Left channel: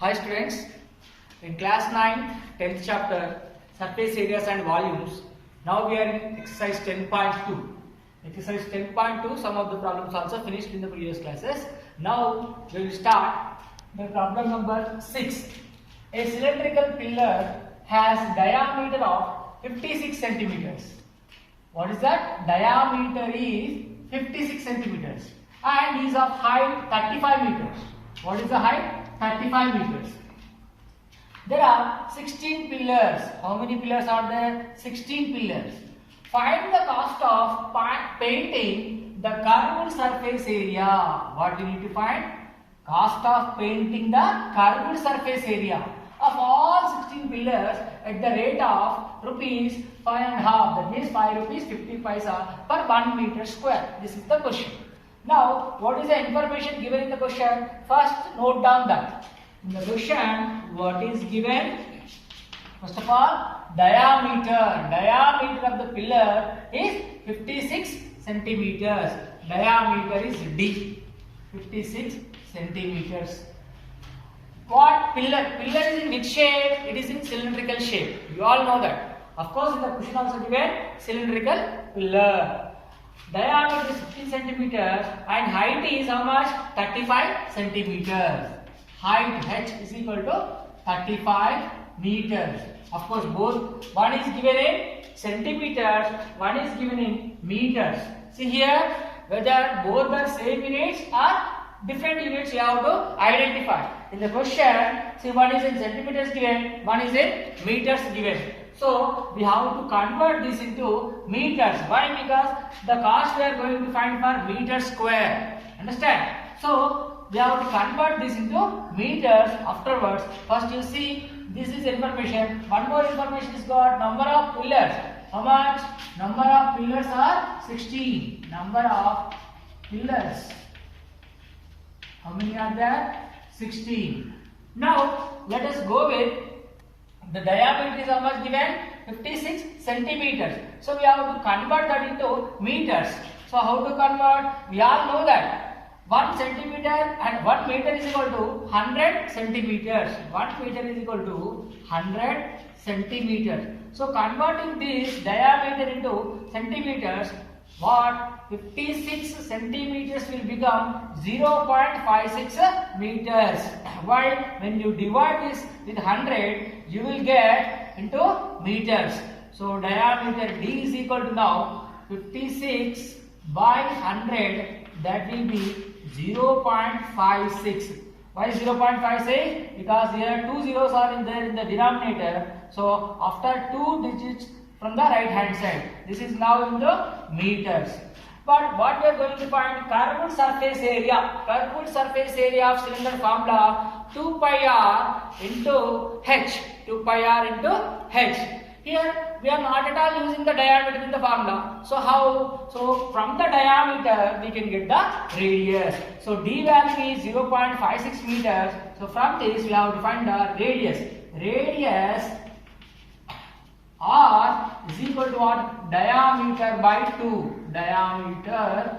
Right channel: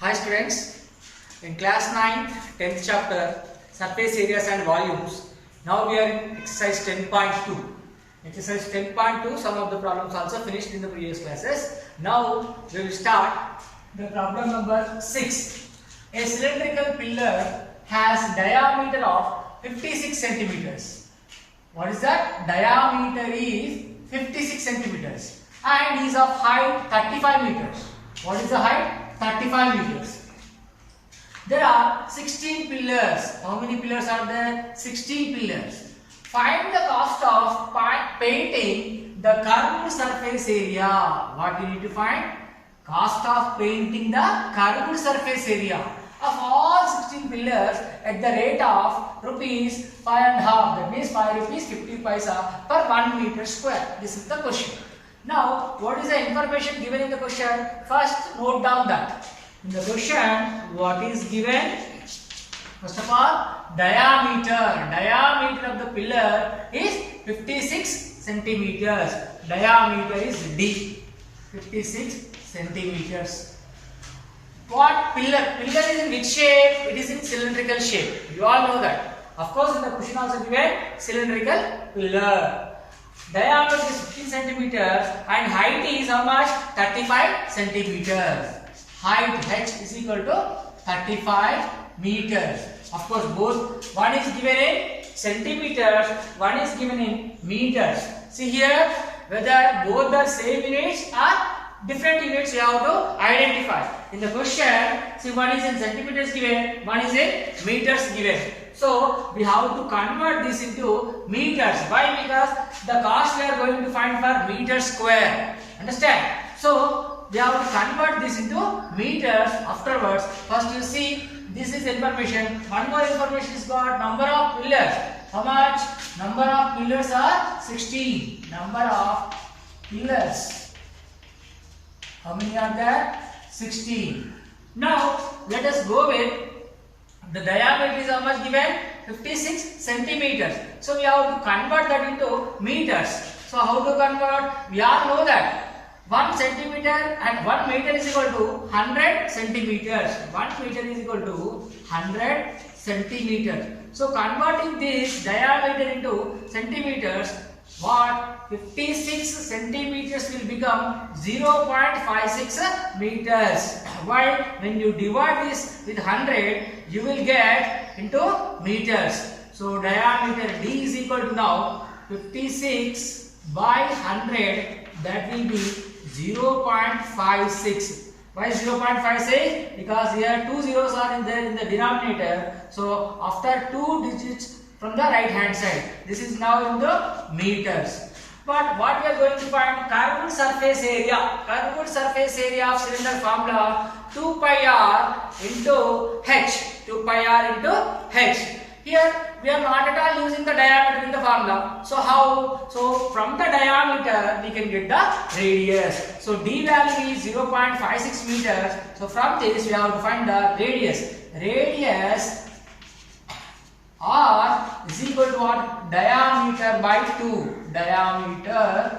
Hi students, in class 9, 10th chapter, surface areas and volumes. Now we are in exercise 10.2. Exercise 10.2, some of the problems also finished in the previous classes. Now we will start the problem number 6. A cylindrical pillar has diameter of 56 centimeters. What is that? Diameter is 56 centimeters and is of height 35 meters. What is the height? 35 meters. There are 16 pillars. How many pillars are there? 16 pillars. Find the cost of painting the curved surface area. What we need to find? Cost of painting the curved surface area of all 16 pillars at the rate of rupees 5.5. That means 5 rupees 50 paisa per 1 meter square. This is the question. Now, what is the information given in the question? First, note down that. In the question, what is given? First of all, diameter. Diameter of the pillar is 56 centimeters. Diameter is D. 56 centimeters. What pillar? Pillar is in which shape? It is in cylindrical shape. You all know that. Of course, in the question also given cylindrical pillar. Diameter is 15 centimeters and height is how much? 35 centimeters. Height H is equal to 35 meters. Of course, both one is given in centimeters, one is given in meters. See here, whether both the same units or different units you have to identify. In the question, see, one is in centimeters given, one is in meters given. So we have to convert this into meters. Why? Because the cost we are going to find for meter square. Understand? So we have to convert this into meters afterwards. First you see, this is information. One more information is got number of pillars. How much? Number of pillars are 16. Number of pillars. How many are there? 16. Now let us go with the diameter is how much given? 56 centimeters. So we have to convert that into meters. So how to convert? We all know that 1 centimeter and 1 meter is equal to 100 centimeters. 1 meter is equal to 100 centimeters. So converting this diameter into centimeters, what? 56 centimeters will become 0.56 meters. While when you divide this with 100, you will get into meters. So diameter D is equal to now 56 by 100, that will be 0.56. Why 0.56? Because here two zeros are in the denominator. So after 2 digits from the right hand side, this is now in the meters. But what we are going to find? Curved surface area. Curved surface area of cylinder formula 2 pi r into h. 2 pi r into h. Here we are not at all using the diameter in the formula. So how? So from the diameter we can get the radius. So d value is 0.56 meters. So from this we have to find the radius. Radius r is equal to what? Diameter by 2. Diameter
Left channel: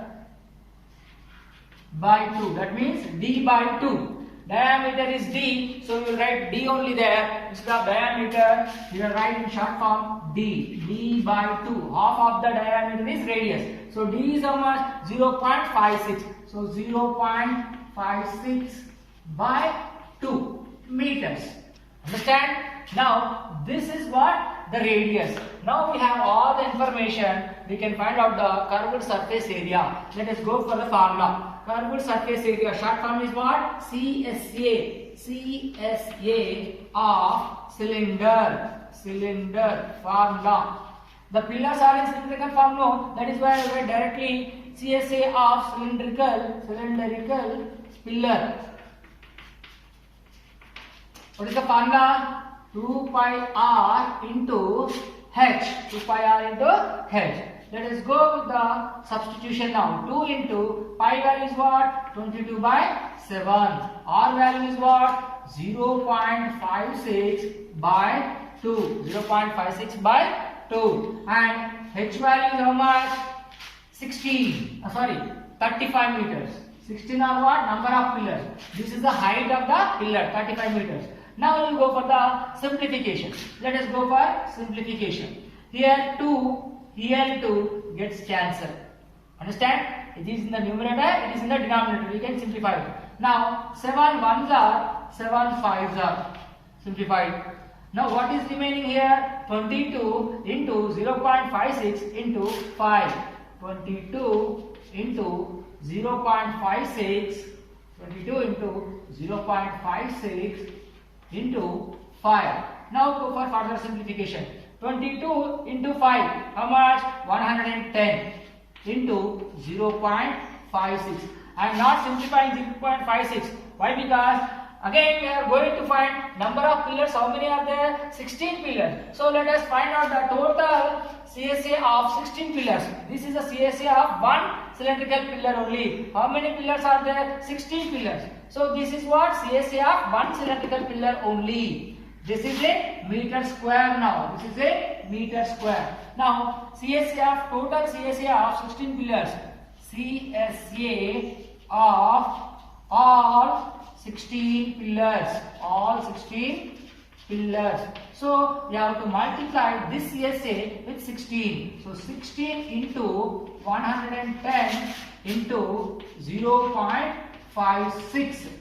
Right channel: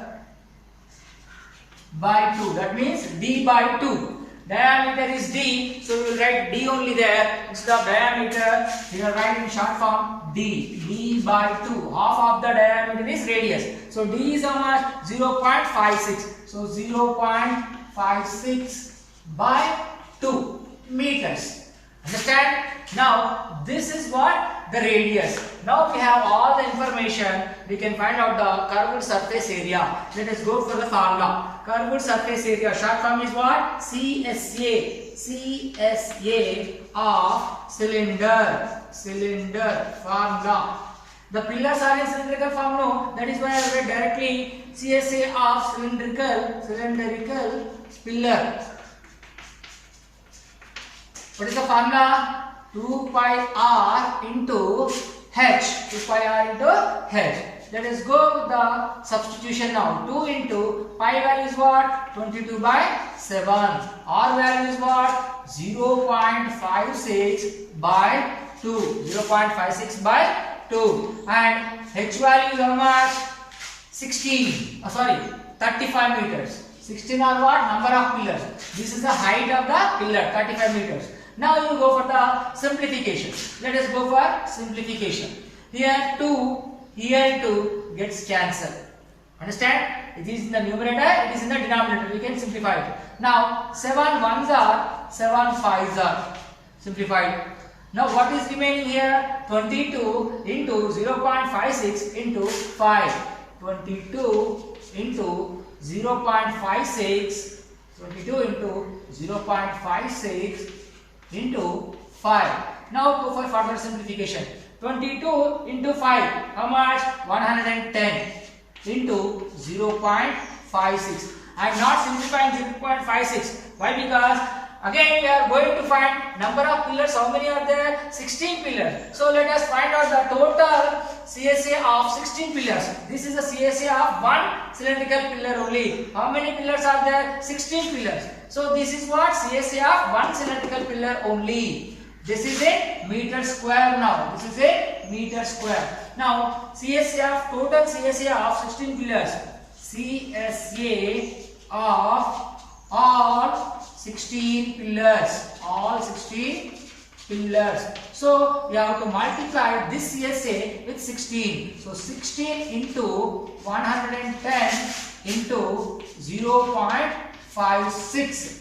by 2. That means d by 2. Diameter is d, so we will write d only there. Instead of diameter, we will write in short form d. D by 2. Half of the diameter is radius. So d is how much? 0.56. So 0.56 by 2 meters. Understand? Now this is what? The radius. Now we have all the information. We can find out the curved surface area. Let us go for the formula. Curved surface area, short form is what? CSA. CSA of cylinder. Cylinder formula. The pillars are in cylindrical form, no? That is why I read directly CSA of cylindrical pillar. What is the formula? 2 pi r into h. 2 pi r into h. Let us go with the substitution now. 2 into pi value is what? 22 by 7. R value is what? 0.56 by 2. 0.56 by 2. And h value is how much? 35 meters. 16 are what? Number of pillars. This is the height of the pillar, 35 meters. Now you go for the simplification. Let us go for simplification. Here 2 gets cancelled. Understand? It is in the numerator, it is in the denominator. We can simplify it. Now 7 ones are, 7 fives are simplified. Now what is remaining here? 22 into 0.56 into 5. 22 into 0.56. 22 into 0.56 into 5. Now go for further simplification. 22 into 5. How much? 110 into 0.56. I am not simplifying 0.56. Why? Because again we are going to find number of pillars. How many are there? 16 pillars. So let us find out the total CSA of 16 pillars. This is a CSA of one cylindrical pillar only. How many pillars are there? 16 pillars. So this is what? CSA of one cylindrical pillar only. This is a meter square now. This is a meter square. Now CSA of total CSA of 16 pillars. CSA of all 16 pillars. All 16 pillars. So we have to multiply this CSA with 16. So 16 into 110 into 0.56.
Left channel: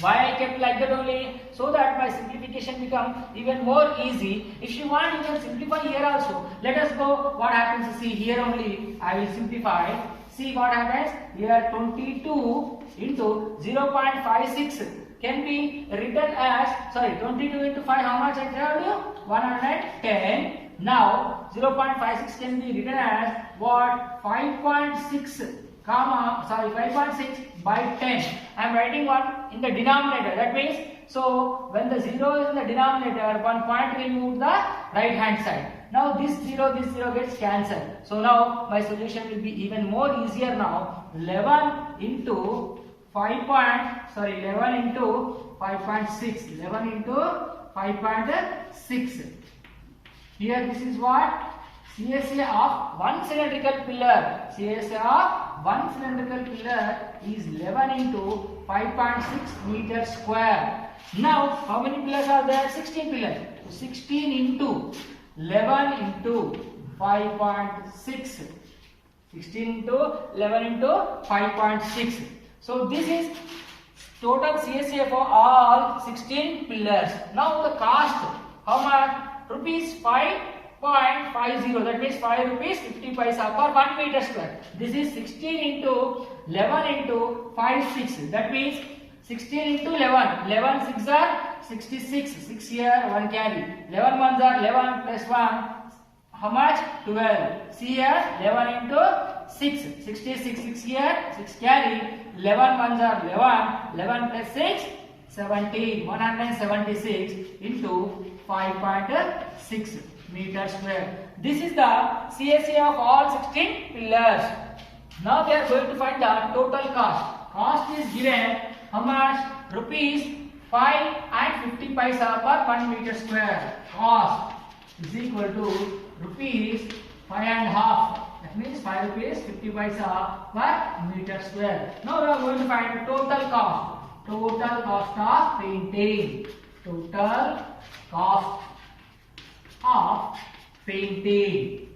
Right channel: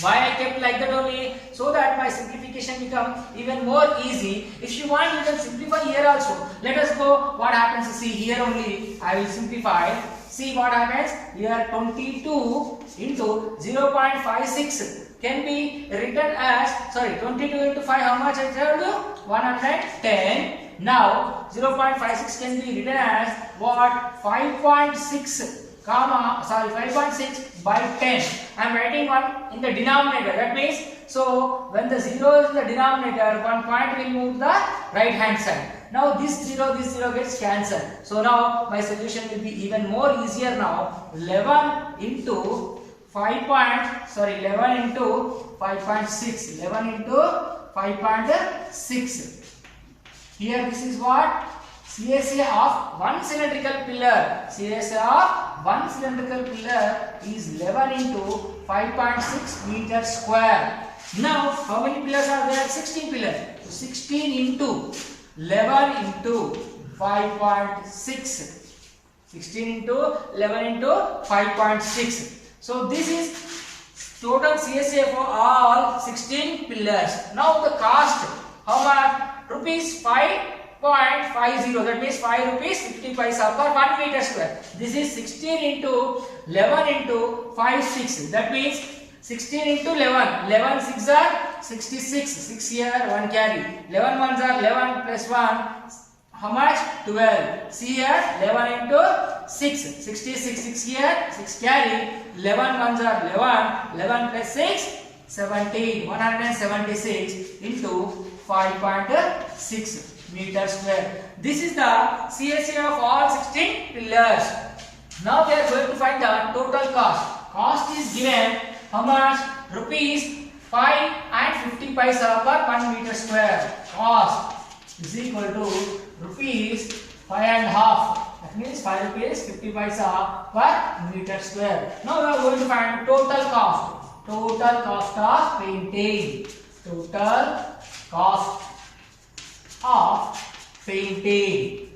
Why I kept like that only? So that my simplification becomes even more easy. If you want, you can simplify here also. Let us go. What happens? See here only. I will simplify. See what happens. Here 22 into 0.56 can be written as, 22 into 5. How much I told you? 110. Now 0.56 can be written as what? 5.6. 5.6 by 10. I am writing one in the denominator. That means, so when the 0 is in the denominator, one point will move the right hand side. Now this 0 gets cancelled. So now my solution will be even more easier now. 11 into 11 into 5.6. 11 into 5.6. Here this is what? CSA of one cylindrical pillar. CSA of one cylindrical pillar is 11 into 5.6 meters square. Now, how many pillars are there? 16 pillars. So 16 into 11 into 5.6. 16 into 11 into 5.6. So this is total CSA for all 16 pillars. Now the cost, how much? Rupees 5.50. That means 5 rupees 50 paisa per 1 meter square. This is 16 into 11 into 5 6. That means 16 into 11. 11 6 are 66. 6 here, 1 carry. 11 1s are 11 plus 1. How much? 12. See here, 11 into 6. 66. 6 here, 6 carry. 11 1s are 11. 11 plus 6. 17. 176 into 5.6 meter square. This is the CSA of all 16 pillars. Now we are going to find the total cost. Cost is given how much? Rupees 5 and 50 paisa per 1 meter square. Cost is equal to rupees 5 and half. That means 5 rupees 50 paisa per meter square. Now we are going to find the total cost. Total cost of painting. Total cost of painting.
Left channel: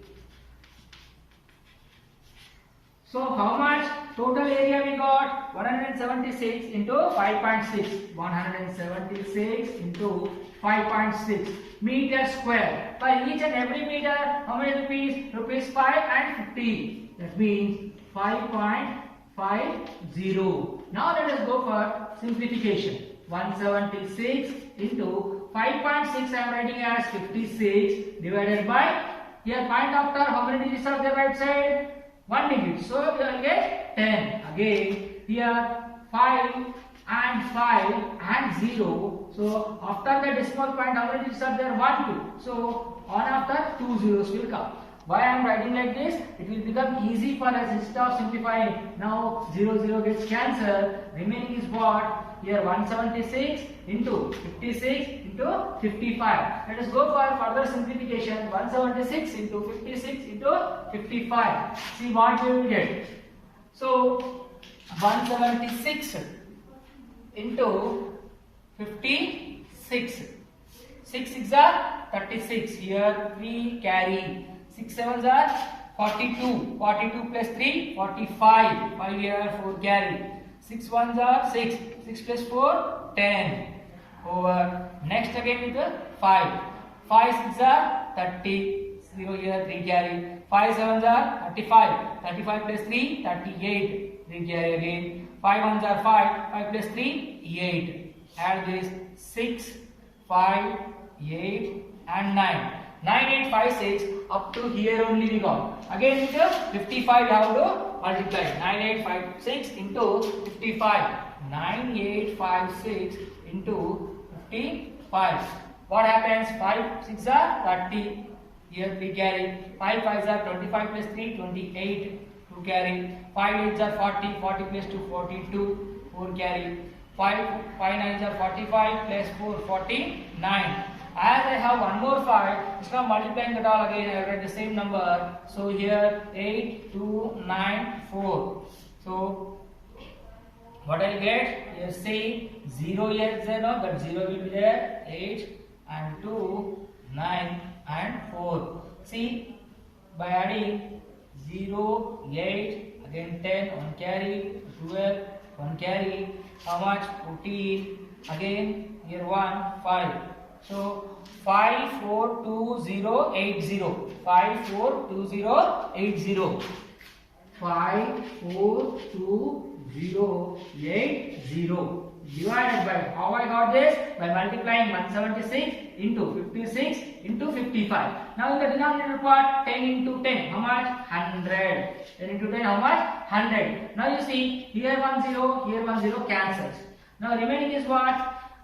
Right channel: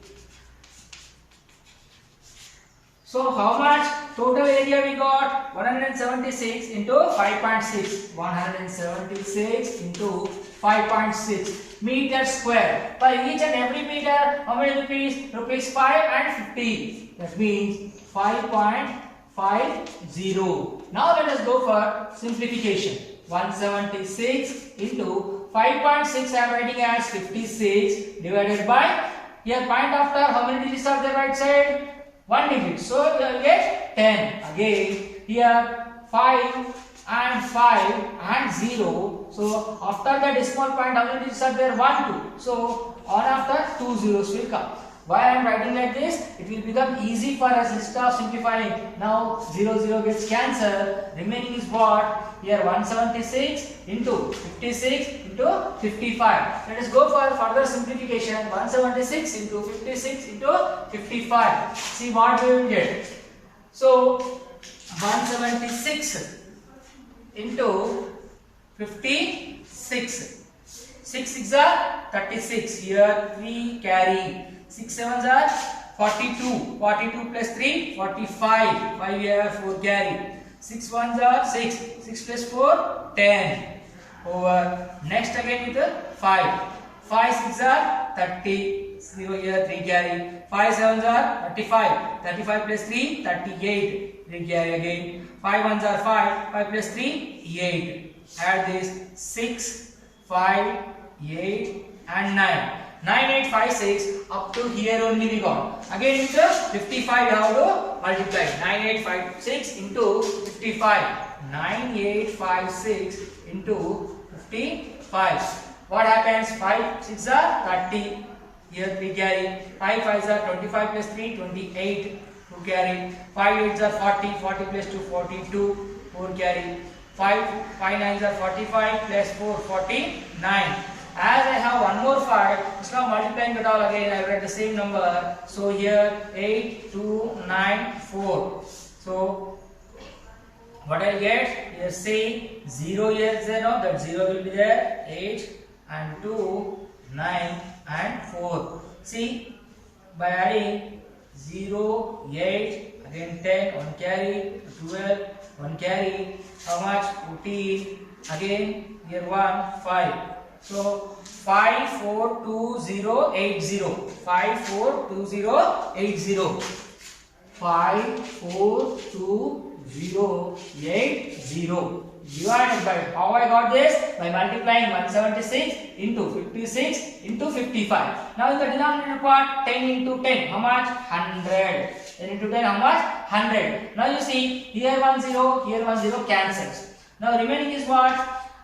So how much total area we got? 176 into 5.6. 176 into 5.6 meter square. For each and every meter, how many rupees? Rupees 5 and 50. That means 5.50. Now let us go for simplification. 176 into 5.6 I am writing as 56 divided by, here point after how many digits are there right side? 1 digit. So we will get 10. Again here 5 and 5 and 0. So after the decimal point how many digits are there? 1 2. So on after 2 zeros will come. Why I am writing like this? It will become easy for us instead of simplifying. Now 0 gets cancelled. Remaining is what? Here 176 into 56 into 55. Let us go for further simplification. 176 into 56 into 55. See what we will get. So 176 into 56. 6 6 are 36. Here 3 carry. 6 7s are 42. 42 plus 3 45. 5 here 4 carry. 6 1s are 6. 6 plus 4 10. Over. Next again with the 5. 5 6 are 30. 0 here 3 carry. 5 7s are 35. 35 plus 3 38. 3 carry again. 5 1s are 5. 5 plus 3 8. Add this 6 5 8 and 9. 9 8 5 6 up to here only we got. Again with the 55 you have to multiply. 9 8 5 6 into 55. 9 8 5 6 into 55. What happens? 5 6 are 30. Here 3 carry. 5 5s are 25 plus 3 28. 2 carry. 5 8s are 40. 40 plus 2 42. 4 carry. 5 9s are 45 plus 4 49. As I have one more 5, instead of multiplying it all again, I write the same number. So here 8 2 9 4. So what I'll get? Here see 0 here is there, no? That 0 will be there. 8 and 2 9 and 4. See, by adding 0 8 again 10 1 carry 12 1 carry, how much? 14. Again here 1 5. So 5 4 2 0 8 0. 5 4 2 0 8 0. 5 4 2 0 8 0. Divided by how I got this? By multiplying 176 into 56 into 55. Now in the denominator part, 10 into 10, how much? 100. 10 into 10, how much? 100. Now you see, here 1 0, here 1 0 cancels. Now remaining is what?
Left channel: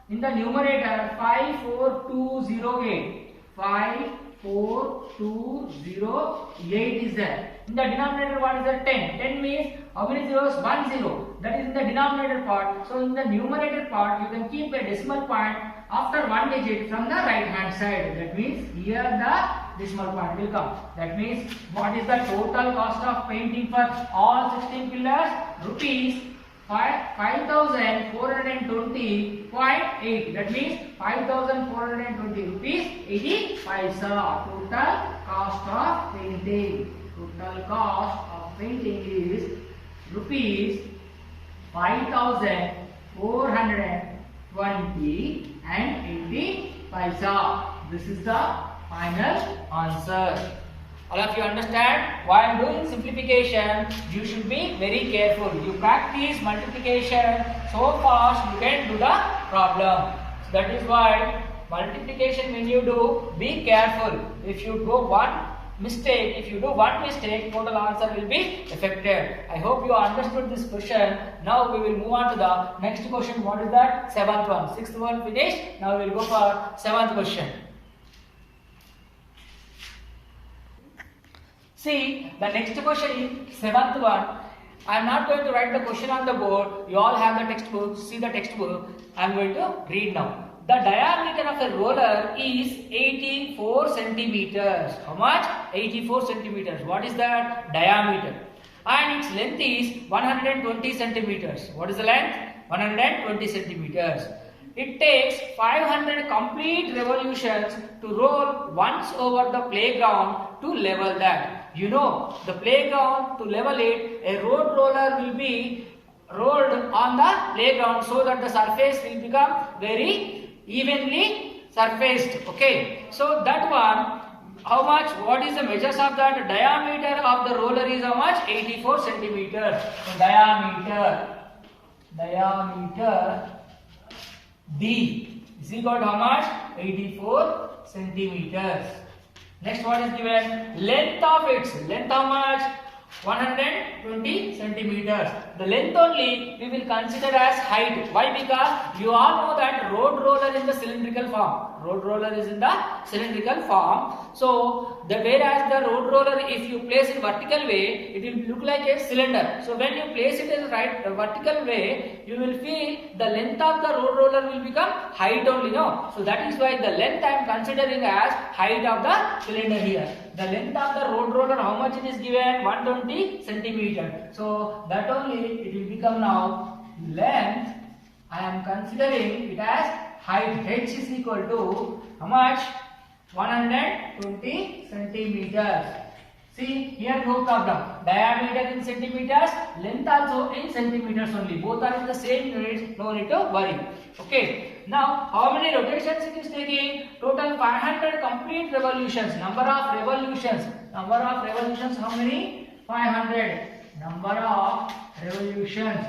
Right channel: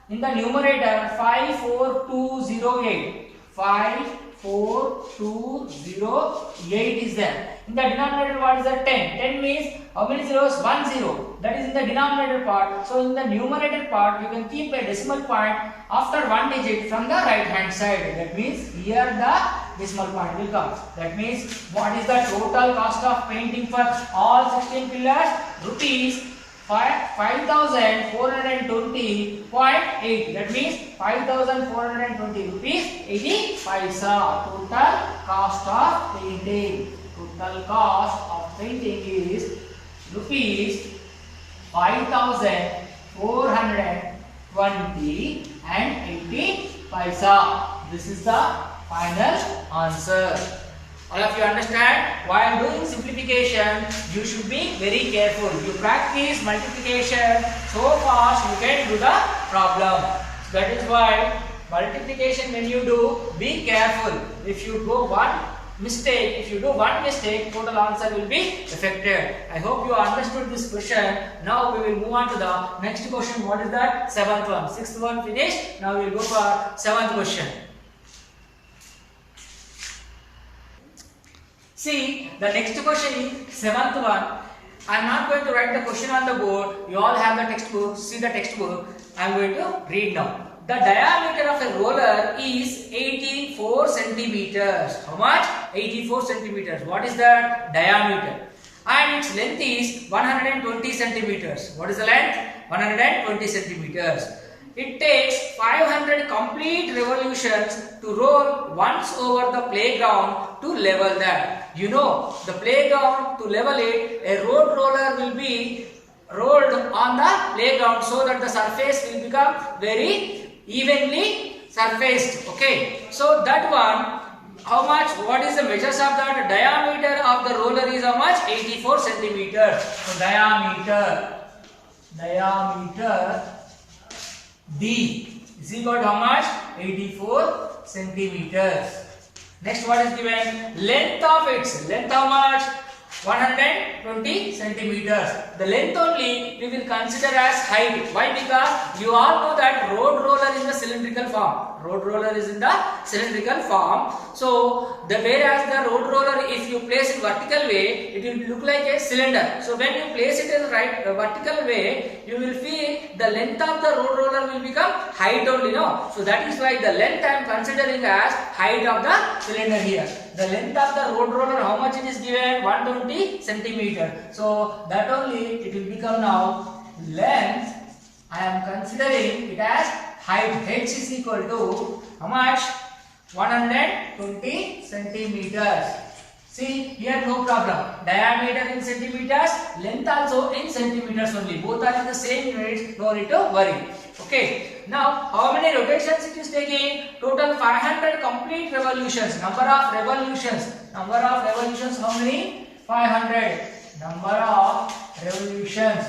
In the numerator, 5 4 2 0 8. 5 4 2 0 8 is there. In the denominator, what is that? 10. 10 means how many zeros? 1 0. That is in the denominator part. So in the numerator part, you can keep a decimal point after one digit from the right hand side. That means here the decimal point will come. That means what is the total cost of painting for all 16 pillars? Rupees 5,420.8. That means 5,420 rupees 80 paisa. Total cost of painting. Total cost of painting is rupees 5,420 and 80 paisa. This is the final answer. All of you understand? While doing simplification, you should be very careful. You practice multiplication so fast you can do the problem. So that is why multiplication when you do, be careful. If you do one mistake, total answer will be affected. I hope you understood this question. Now we will move on to the next question. What is that? Seventh one. Sixth one finished. Now we will go for seventh question. See, the next question is seventh one. I am not going to write the question on the board. You all have the textbook. See the textbook. I am going to read now. The diameter of a roller is 84 centimeters. How much? 84 centimeters. What is that? Diameter. And its length is 120 centimeters. What is the length? 120 centimeters. It takes 500 complete revolutions to roll once over the playground to level that. You know, the playground, to level it, a road roller will be rolled on the playground so that the surface will become very evenly surfaced. Okay, so that one, how much? What is the measures of that? Diameter of the roller is how much? 84 centimeters. So diameter D is equal to how much? 84 centimeters. Next, what is given? Length of its. Length how much? 120 centimeters. The length only we will consider as height. Why? Because you all know that road roller is in the cylindrical form. Road roller is in the cylindrical form. So, whereas the road roller, if you place it vertical way, it will look like a cylinder. So, when you place it in the vertical way, you will feel the length of the road roller will become height only. No? So, that is why the length I am considering as height of the cylinder here. the length of the road roller, how much it is given? 120 centimeter. So that only it will become now length. I am considering it as height. H is equal to how much? 120 centimeters. See here, no problem. Diameter in centimeters, length also in centimeters only. Both are in the same units. No need to worry. Okay. Now, how many rotations it is taking? Total 500 complete revolutions. Number of revolutions. Number of revolutions. How many? 500. Number of revolutions.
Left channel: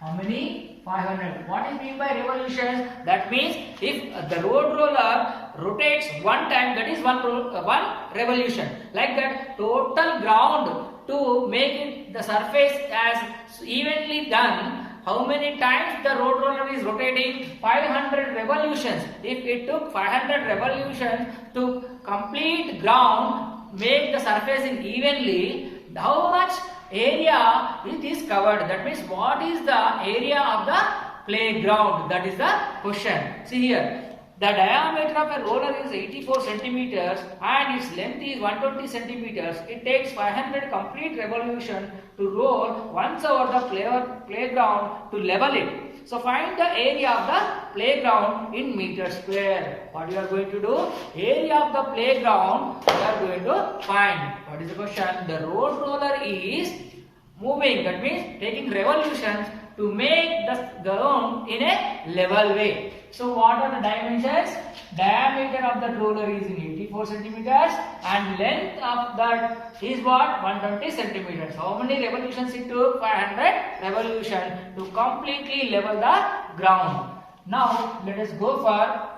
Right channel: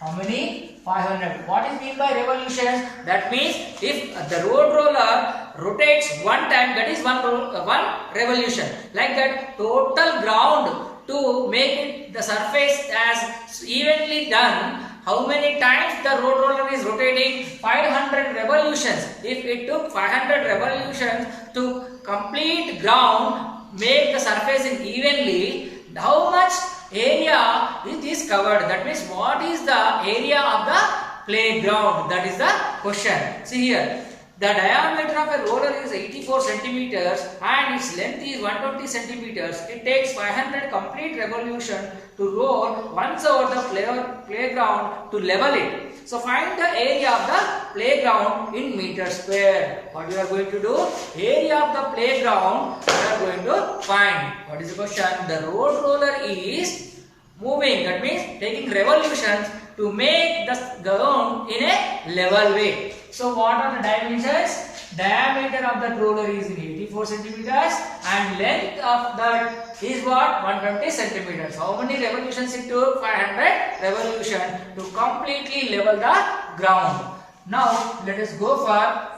How many? 500. What is mean by revolutions? That means if the road roller rotates one time, that is one revolution. Like that, total ground to make it the surface as evenly done. How many times the road roller is rotating? 500 revolutions. If it took 500 revolutions to complete ground, make the surface evenly, how much area it is covered? That means what is the area of the playground? That is the question. See here, the diameter of a roller is 84 centimeters and its length is 120 centimeters. It takes 500 complete revolution to roll once over the playground to level it. So find the area of the playground in meters square. What you are going to do? Area of the playground you are going to find. What is the question? The road roller is moving. That means taking revolutions to make the ground in a level way. So what are the dimensions? Diameter of the roller is 84 centimeters and length of that is what? 120 centimeters. How many revolutions it took? 500 revolution to completely level the ground. Now let us go for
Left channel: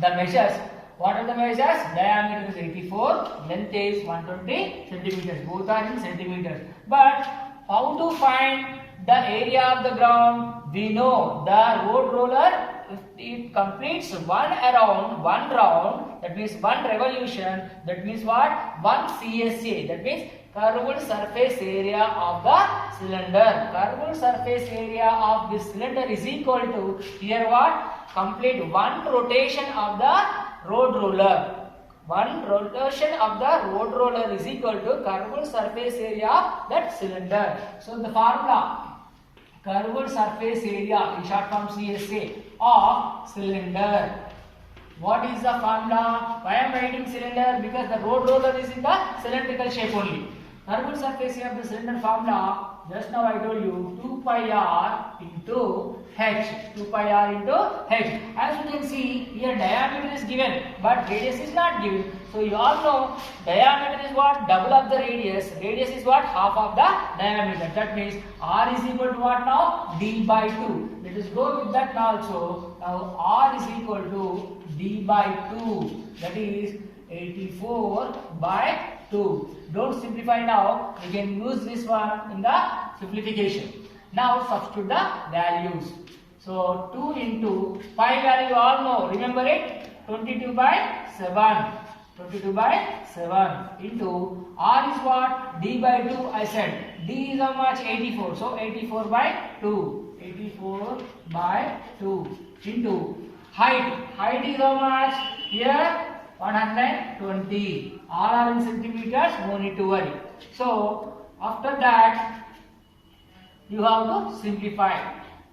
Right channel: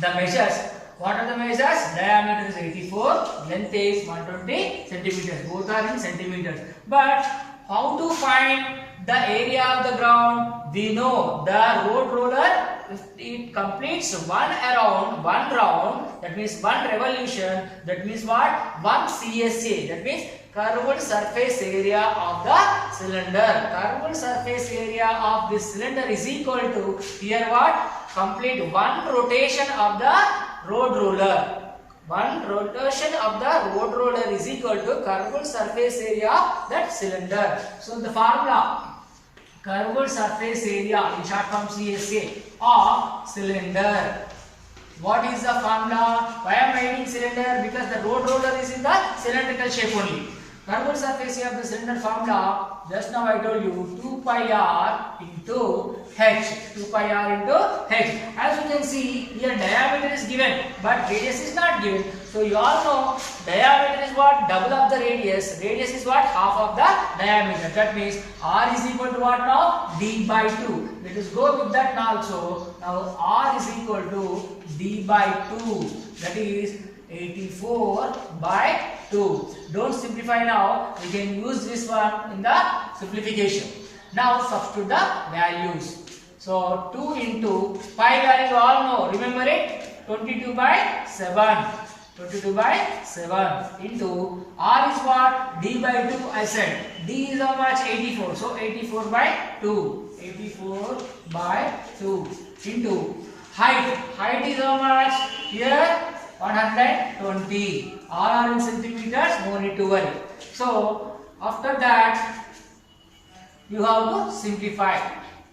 the measures. What are the measures? Diameter is 84, length is 120 centimeters. Both are in centimeters. But how to find the area of the ground? We know the road roller, if it completes one round, that means one revolution, that means what? 1 CSA, that means curved surface area of the cylinder. Curved surface area of this cylinder is equal to, here what? Complete one rotation of the road roller. One rotation of the road roller is equal to curved surface area of that cylinder. So the formula, curved surface area, in short form CSA, of cylinder. What is the formula? Why am I writing cylinder? Because the road roller is in the cylindrical shape only. Curved surface area of the cylinder formula, just now I told you, 2 pi r into h. 2 pi r into h. As you can see, here diameter is given, but radius is not given. So you all know diameter is what? Double of the radius. Radius is what? Half of the diameter. That means r is equal to what now? D by 2. Let us go with that also. Now r is equal to D by 2. That is 84 by 2. Don't simplify now. We can use this one in the simplification. Now substitute the values. So 2 into pi value you all know. Remember it? 22 by 7. 22 by 7 into r is what? D by 2 I said. D is how much? 84. So 84 by 2. 84 by 2 into height. Height is how much? Here 120. All are in centimeters, no need to worry. So after that you have to simplify.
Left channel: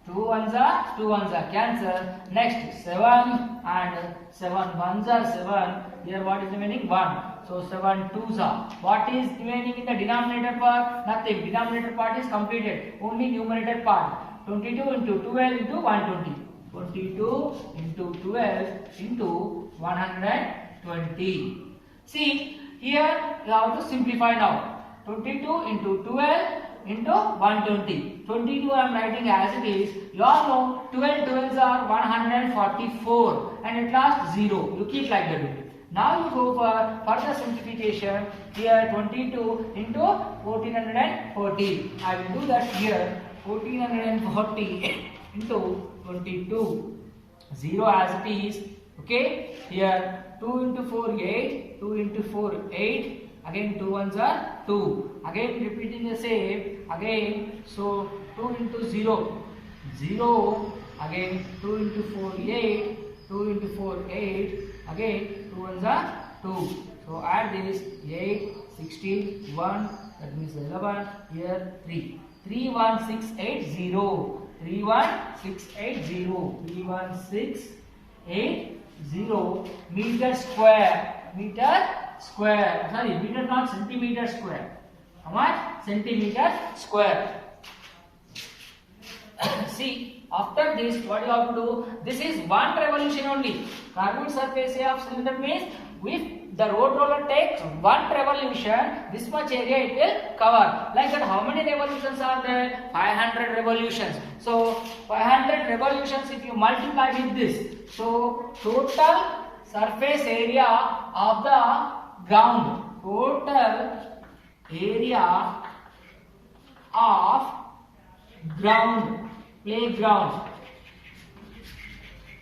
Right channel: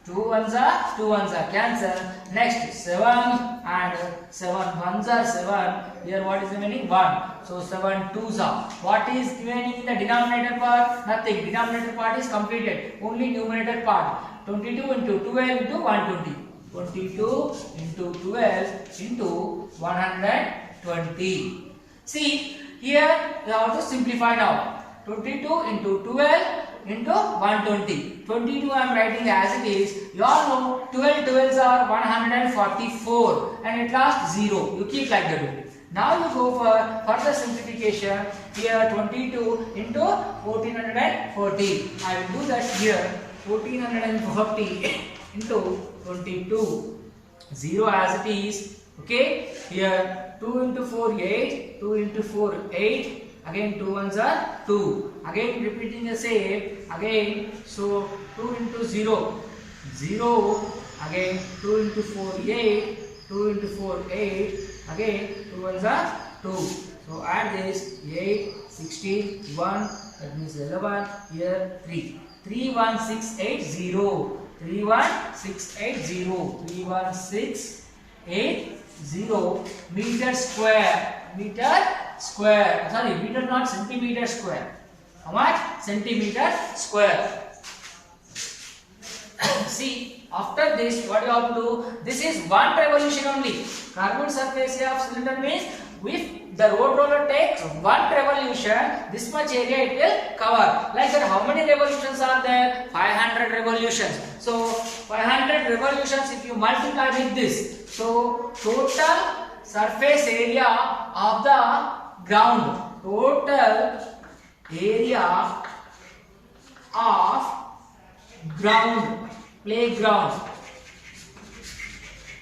2 ones are cancel. Next 7 and 7 ones are 7. Here what is remaining? 1. So 7 twos are. What is remaining in the denominator part? Nothing. Denominator part is completed. Only numerator part. 22 into 12 into 120. 22 into 12 into 120. See, here you have to simplify now. 22 into 12 into 120. 22 I am writing as it is. You all know 12 12s are 144 and at last 0. You keep like that only. Now you go for further simplification. Here 22 into 1440. I will do that here. 1440 into 22. 0 as it is. Okay. Here 2 into 4 8. 2 into 4 8. Again 2 ones are 2. Again repeating the same. Again so 2 into 0. 0. Again 2 into 4 8. 2 into 4, 8. Again, 2 ones are 2. So add this 8, 16, 1. That means 11. Here 3. 31680. 31680. 31680 meter square. Meter square. Sorry, meter not centimeter square. How much? Centimeter square. See, after this, what you have to do? This is one revolution only. Carbon surface area of cylinder means if the road roller takes one revolution, this much area it will cover. Like that, how many revolutions are there? 500 revolutions. So 500 revolutions if you multiply with this, so total surface area of the ground. Total area of ground, playground.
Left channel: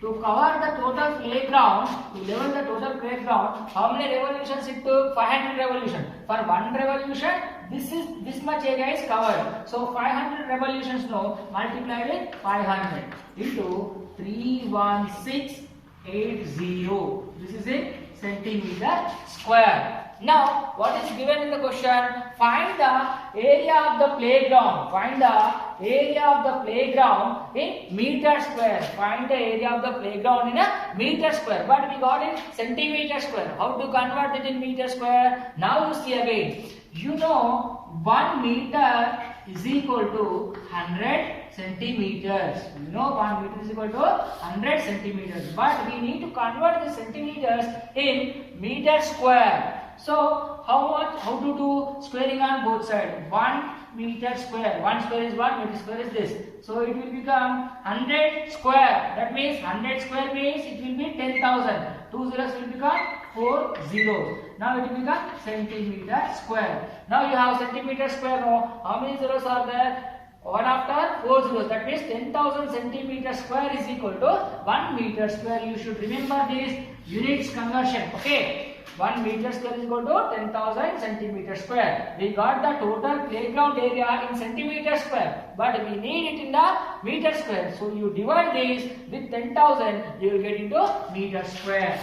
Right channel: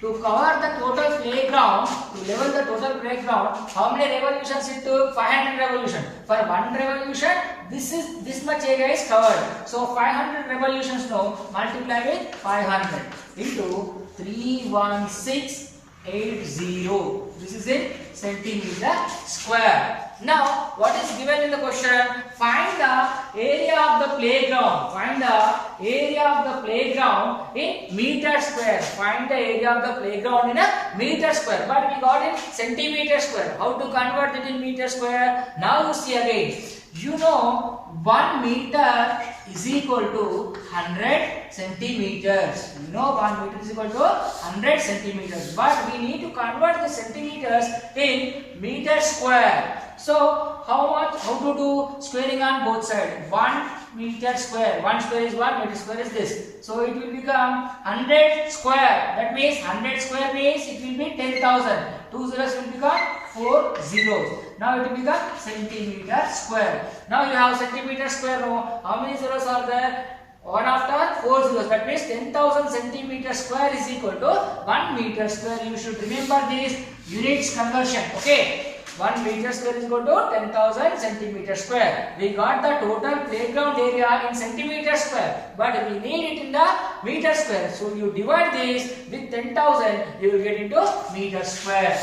To cover the total playground, to level the total playground, how many revolutions it took? 500 revolutions. For one revolution, this much area is covered. So 500 revolutions now multiply with 500 into 31680. This is in centimeter square. Now, what is given in the question? Find the area of the playground. Find the area of the playground in meter square. Find the area of the playground in a meter square. But we got in centimeter square. How to convert it in meter square? Now you see again. You know 1 meter is equal to 100 centimeters. You know 1 meter is equal to 100 centimeters. But we need to convert the centimeters in meter square. So how to do squaring on both sides? 1 meter square. 1 square is 1, meter square is this. So it will become 100 square. That means 100 square means it will be 10,000. 2 zeros will become 4 zeros. Now it will become centimeter square. Now you have centimeter square now. How many zeros are there? 1 after 4 zeros. That means 10,000 centimeter square is equal to 1 meter square. You should remember this units conversion. Okay. 1 meter square is equal to 10,000 centimeter square. We got the total playground area in centimeter square, but we need it in the meter square. So you divide this with 10,000, you will get into meter square.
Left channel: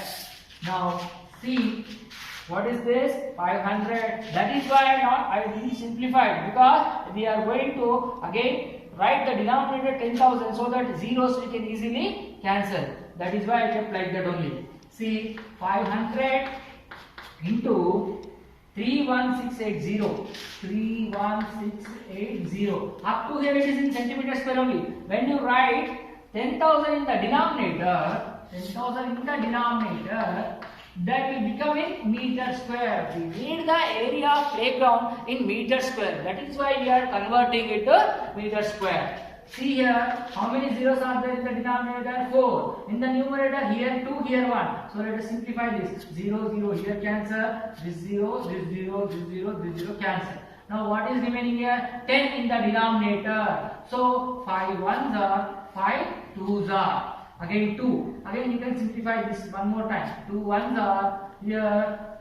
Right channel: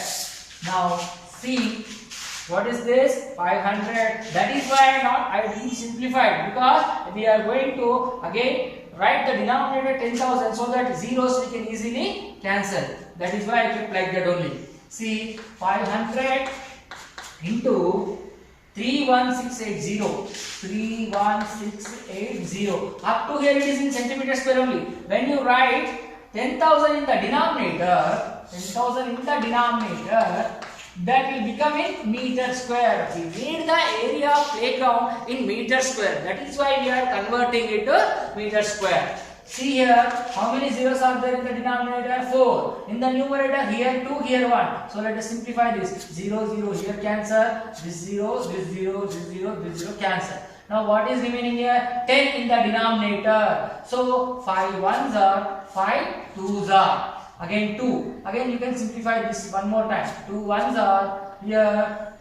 Now see, what is this? 500. That is why I didn't simplify, because we are going to again write the denominator 10,000 so that zeros we can easily cancel. That is why I kept like that only. See, 500 into 31680. 31680. Up to here it is in centimeter square only. When you write 10,000 in the denominator, 10,000 in the denominator, that will become in meter square. We need the area of playground in meter square. That is why we are converting it to meter square. See here, how many zeros are there in the denominator? 4. In the numerator, here 2, here 1. So let us simplify this. 0, 0, here cancel. This 0, this 0, this 0, this 0 cancel. Now what is remaining here? 10 in the denominator. So 5 ones are, 5 twos are. Again 2. Again you can simplify this one more time. 2 ones are here,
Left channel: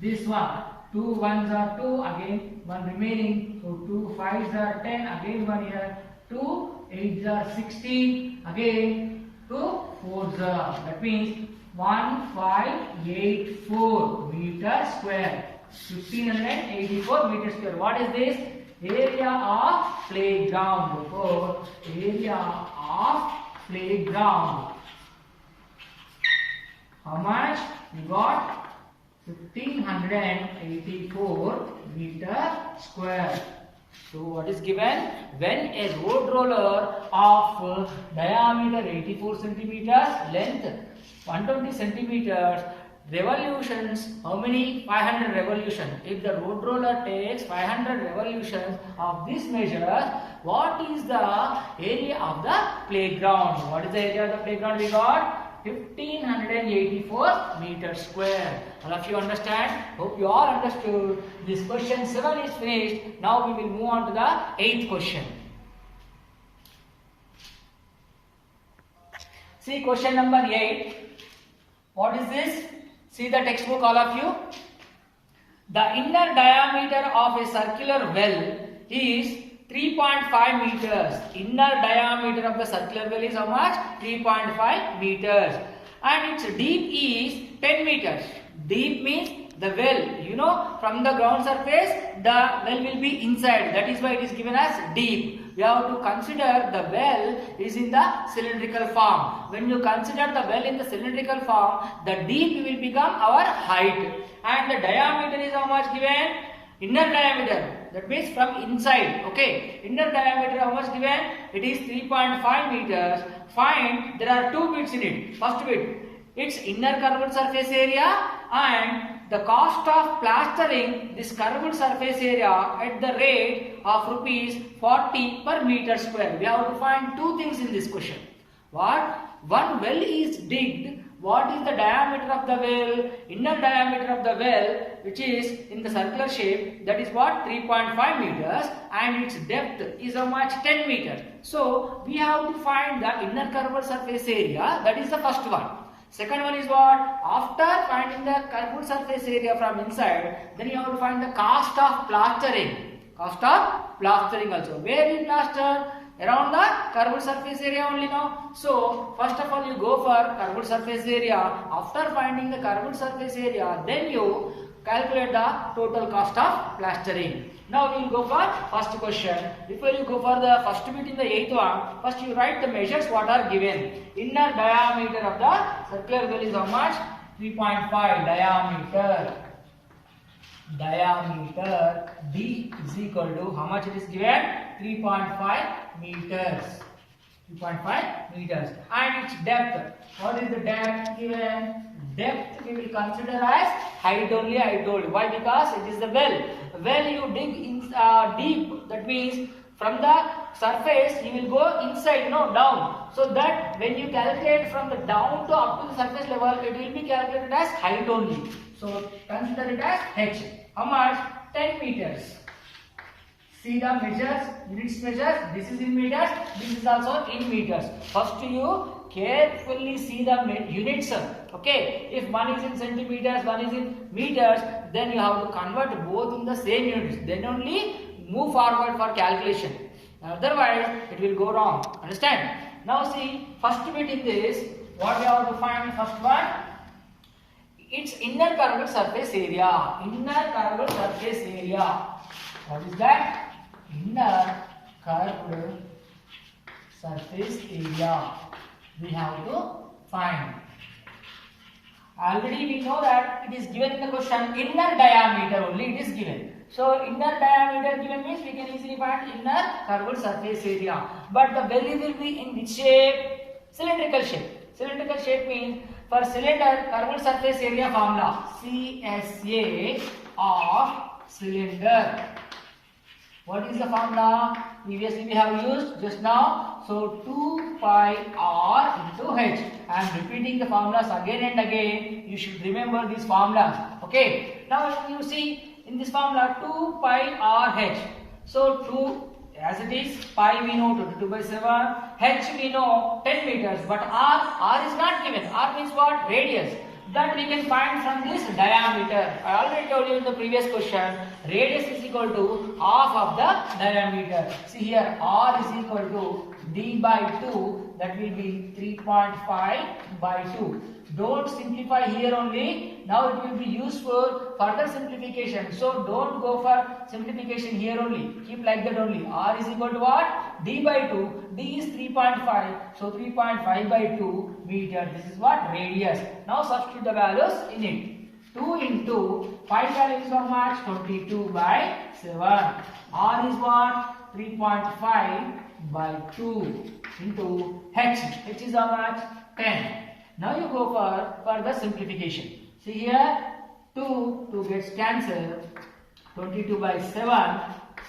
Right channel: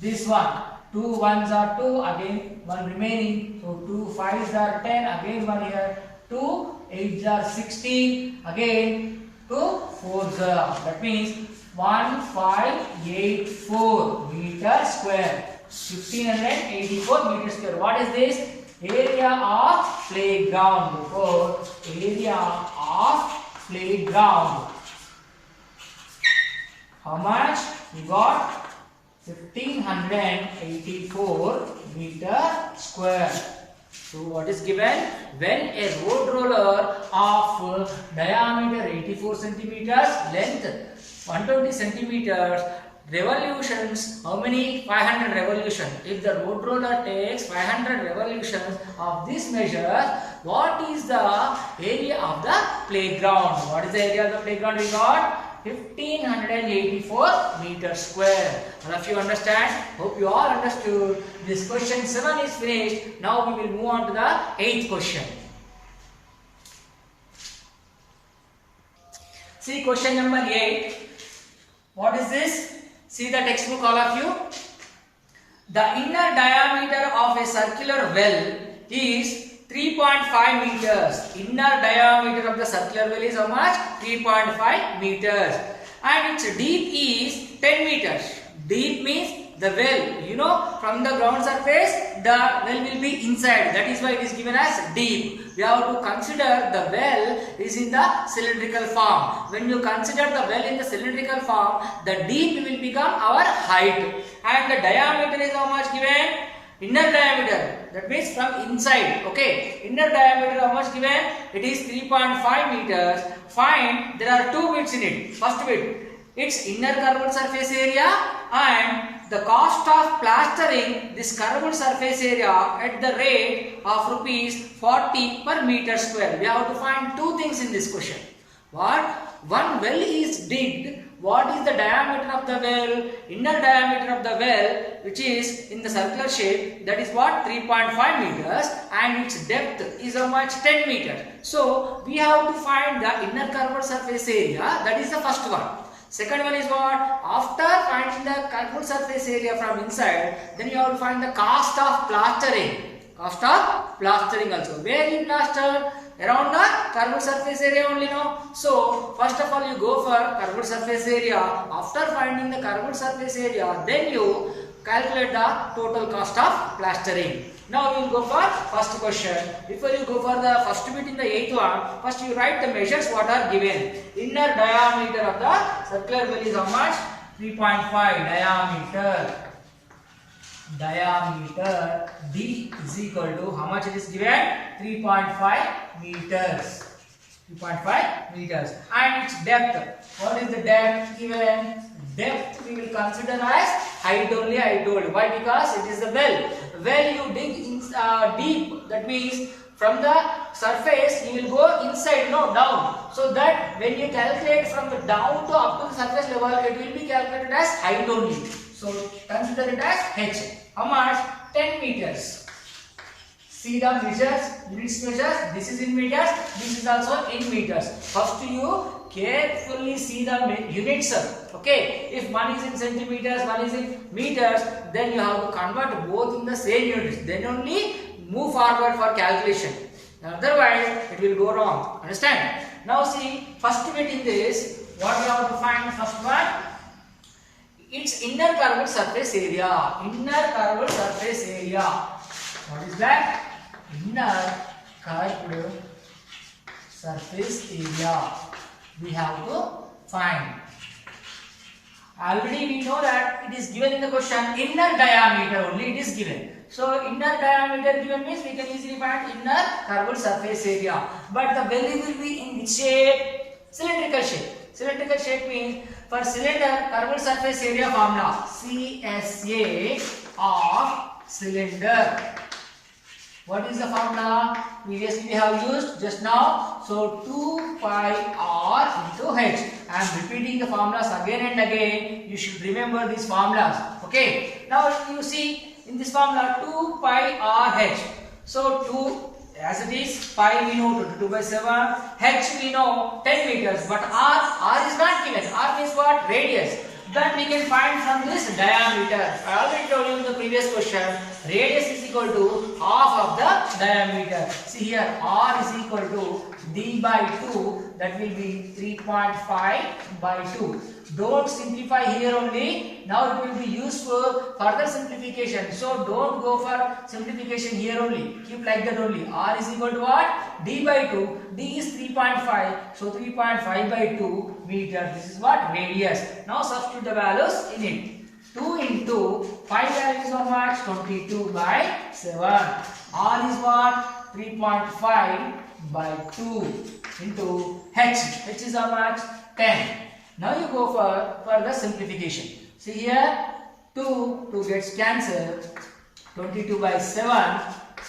this one. 2 ones are 2, again 1 remaining. So 2 fives are 10, again 1 here. 2 8s are 16, again 2 4s are. That means 1584 meter square. 1584 meter square. What is this? Area of playground. For area of playground. How much? We got 1584 meter square. So what is given? When a road roller of diameter 84 centimeters, length 120 centimeters, revolutions, how many? 500 revolutions. If the road roller takes 500 revolutions of this measure, what is the area of the playground? What is the area of the playground we got? 1584 meter square. All of you understand? Hope you all understood. This question 7 is finished. Now we will move on to the 8th question. See question number 8. What is this? See the textbook, all of you. The inner diameter of a circular well is 3.5 meters. Inner diameter of the circular well is how much? 3.5 meters. and its deep is 10 meters. Deep means the well, you know, from the ground surface the well will be inside, that is why it is given as deep. We have to consider the well is in the cylindrical form. When you consider the well in the cylindrical form, the deep will become our height, and the diameter is how much given? Inner diameter, that means from inside. Okay, inner diameter how much given? It is 3.5 meters. Find, there are two bits in it. First bit, its inner curved surface area and the cost of plastering this curved surface area at the rate of rupees 40 per meter square. We have to find two things in this question. What? One well is digged. What is the diameter of the well? Inner diameter of the well, which is in the circular shape, that is what? 3.5 meters, and its depth is how much? 10 meters. So we have to find the inner curved surface area. That is the first one. Second one is what? After finding the curved surface area from inside, then you have to find the cost of plastering. Cost of plastering also. Where you plaster? Around the curved surface area only, no? So first of all you go for curved surface area. After finding the curved surface area, then you calculate the total cost of plastering. Now we will go for first question. Before you go for the first bit in the 8th one, first you write the measures what are given. Inner diameter of the circular well is how much? 3.5 diameter. Diameter D is equal to how much it is given? 3.5 meters. 3.5 meters. And its depth. What is the depth given? Depth we will consider as height only, I told. Why? Because it is the well. Well you dig in, deep. That means from the surface you will go inside, no, down. So that when you calculate from the down to up to the surface level, it will be calculated as height only. So consider it as h. How much? 10 meters. See the measures, units measures. This is in meters. This is also in meters. First you carefully see the units. Okay. If one is in centimeters, one is in meters, then you have to convert both in the same units. Then only move forward for calculation. Otherwise, it will go wrong. Understand? Now see, first bit in this, what you have to find? First one, its inner curved surface area. Inner curved surface area. What is that? Inner curved surface area. We have to find. Already we know that it is given in the question inner diameter only it is given. So inner diameter given means we can easily find inner curved surface area. But the belly will be in which shape? Cylindrical shape. Cylindrical shape means for cylinder curved surface area formula CSA of cylinder. What is the formula? Previously we have used just now. So 2 pi r into h. I am repeating the formulas again and again. You should remember these formulas. Okay. Now you see in this formula 2 pi r h. So 2 as it is, pi we know 22 by 7, h we know 10 meters, but r is not given. R means what? Radius. That we can find from this diameter. I already told you in the previous question, radius is equal to half of the diameter. See here, r is equal to d by 2, that will be 3.5 by 2. Don't simplify here only. Now it will be useful further simplification. So don't go for simplification here only. Keep like that only. R is equal to what? D by 2. D is 3.5. So 3.5 by 2 meter. This is what? Radius. Now substitute the values in it. 2 into 5 value is how much? 22 by 7. R is what? 3.5 by 2 into h. H is how much? 10. Now you go for further simplification. See here, 2 gets cancelled. 22 by 7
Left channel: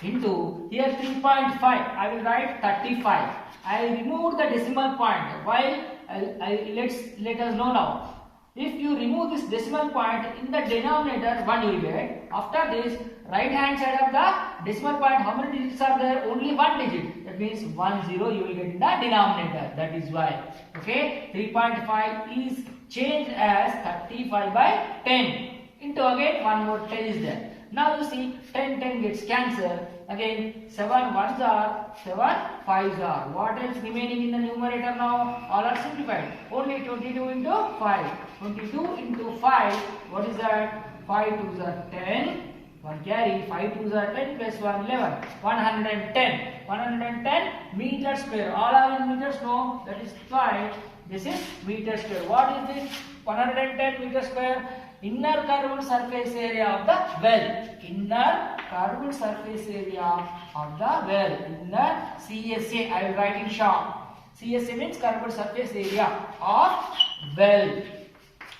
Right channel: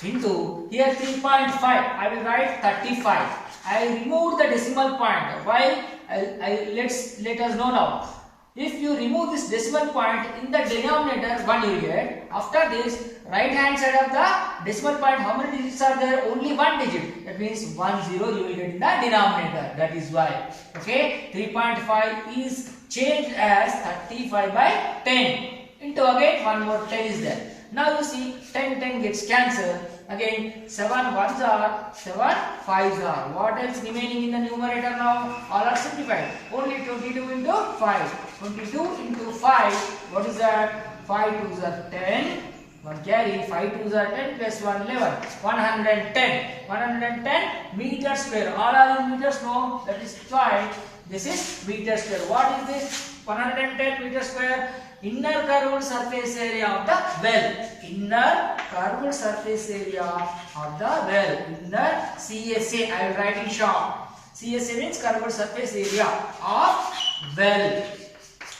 into here 3.5. I will write 35. I remove the decimal point. Why? Let us know now. If you remove this decimal point in the denominator, 1 you will get. After this, right hand side of the decimal point, how many digits are there? Only 1 digit. That means 1 0 you will get in the denominator. That is why. Okay. 3.5 is changed as 35 by 10. Into again one more 10 is there. Now you see 10 gets cancelled. Again 7 ones are 7 fives are. What else remaining in the numerator now? All are simplified. Only 22 into 5. 22 into 5. What is that? 5 twos are 10. 1 carry. 5 twos are 10 plus 1 11. 110. 110 meter square. All are in meters? No. That is why this is meter square. What is this? 110 meter square. Inner curved surface area of the well. Inner curved surface area of the well. Inner CSA. I will write in short. CSA means curved surface area of well.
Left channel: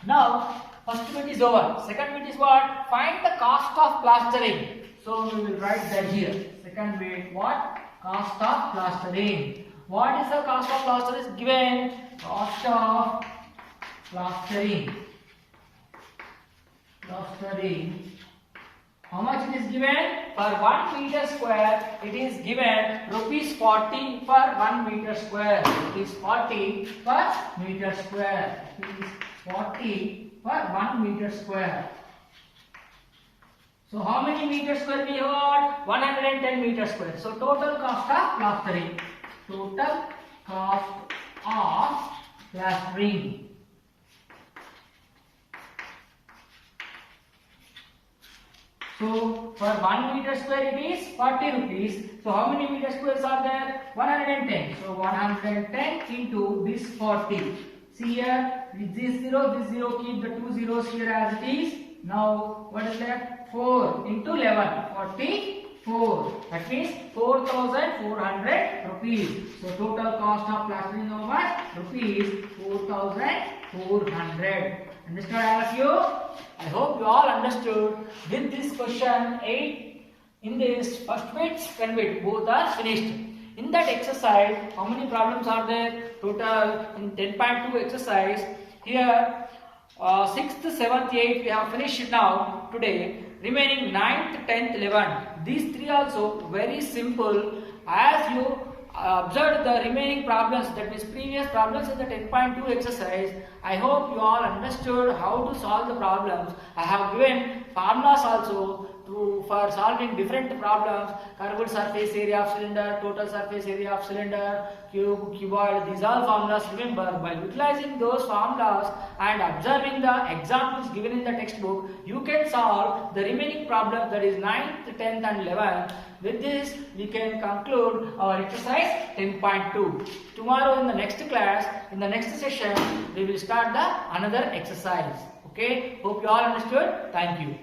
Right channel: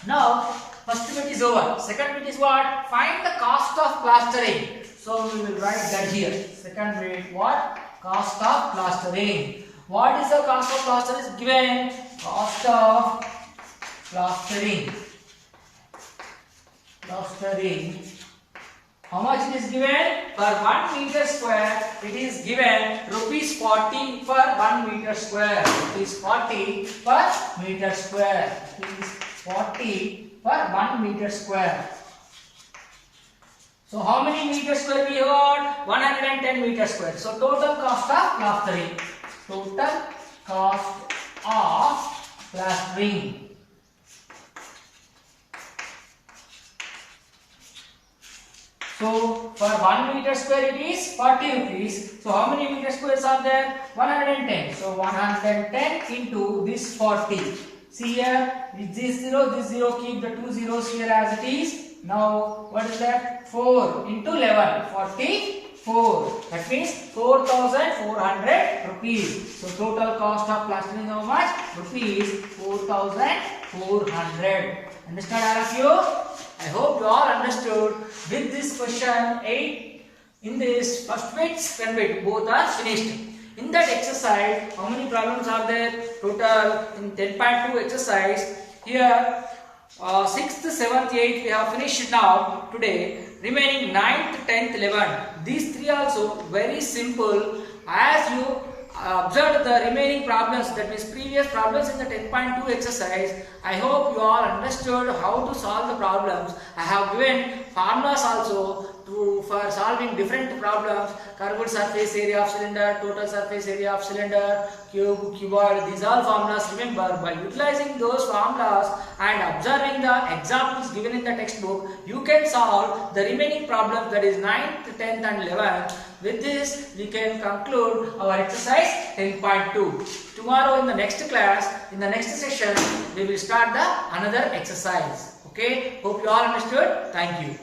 Now, first bit is over. Second bit is what? Find the cost of plastering. So we will write that here. Second bit, what? Cost of plastering. What is the cost of plastering? Is given. Cost of plastering. Plastering. How much it is given? Per 1 meter square, it is given rupees 40 per 1 meter square. Rupees 40 per meter square. Rupees 40 per 1 meter square. So how many meter square we got? 110 meter square. So total cost of plastering. Total cost of plastering. So for 1 meter square it is 40 rupees. So how many meter squares are there? 110. So 110 into this 40. See here, this 0, keep the 2 zeros here as it is. Now what is that? 4 into 11, 44. That means 4,400 rupees. So total cost of plastering how much? Rupees 4,400. Understood all of you? I hope you all understood. With this question 8, in this first bit, second bit, both are finished. In that exercise, how many problems are there? Total in 10.2 exercise. Here 6th, 7th, 8th we have finished now today. Remaining 9th, 10th, 11th. These three also very simple. As you observed the remaining problems, that means previous problems in the 10.2 exercise, I hope you all understood how to solve the problems. I have given formulas also for solving different problems. Curved surface area of cylinder, total surface area of cylinder, cube, cuboid, these all formulas. Remember, by utilizing those formulas and observing the examples given in the textbook, you can solve the remaining problems, that is 9th, 10th and 11th. With this, we can conclude our exercise 10.2. Tomorrow in the next class, in the next session, we will start the another exercise. Okay, hope you all understood. Thank you.